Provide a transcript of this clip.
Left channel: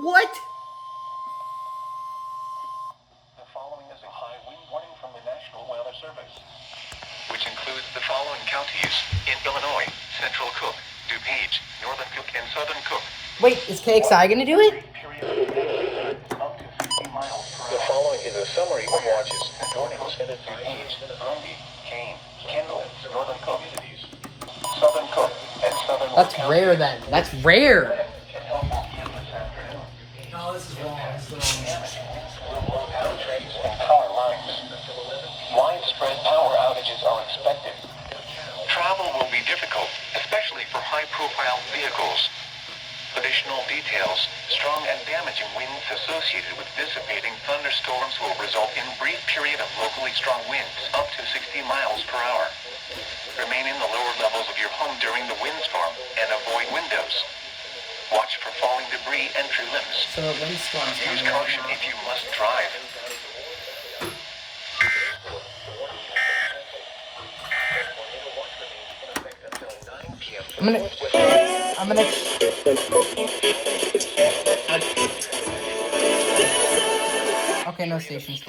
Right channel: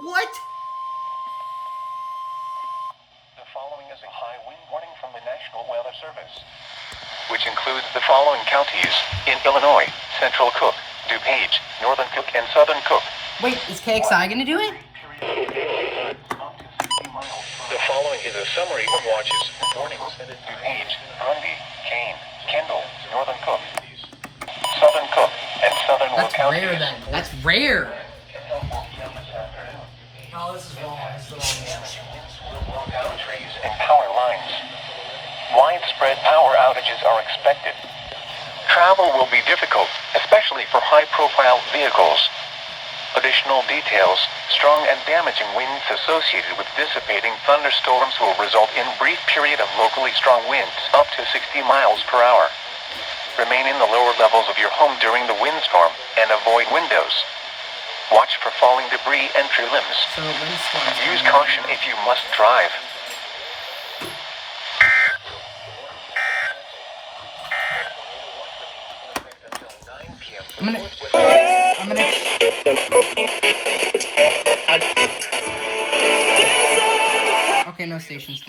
What? The following is a high wind warning from the National Weather Service, which includes the following counties in Illinois: Central Cook, DuPage, Northern Cook, and Southern Cook. Wait, is KXI gonna do it? The following is a summary of watches and warnings: DuPage, Grundy, Kane, Kendall, Northern Cook, Southern Cook, and Southern That's Cook rare counties. then. That's rare. No, this is wrong. Damaging winds will blow down trees and power lines. Widespread power outages are expected. Travel will be difficult, especially for high-profile vehicles. Additional details: strong and damaging winds associated with dissipating thunderstorms will result in brief period of locally strong winds up to 60 miles per hour. Remain in the lower levels of your home during the windstorm and avoid windows. Watch for falling debris and tree limbs. So windstorms. Use caution if you must drive. I'm gonna. Okay, no station still.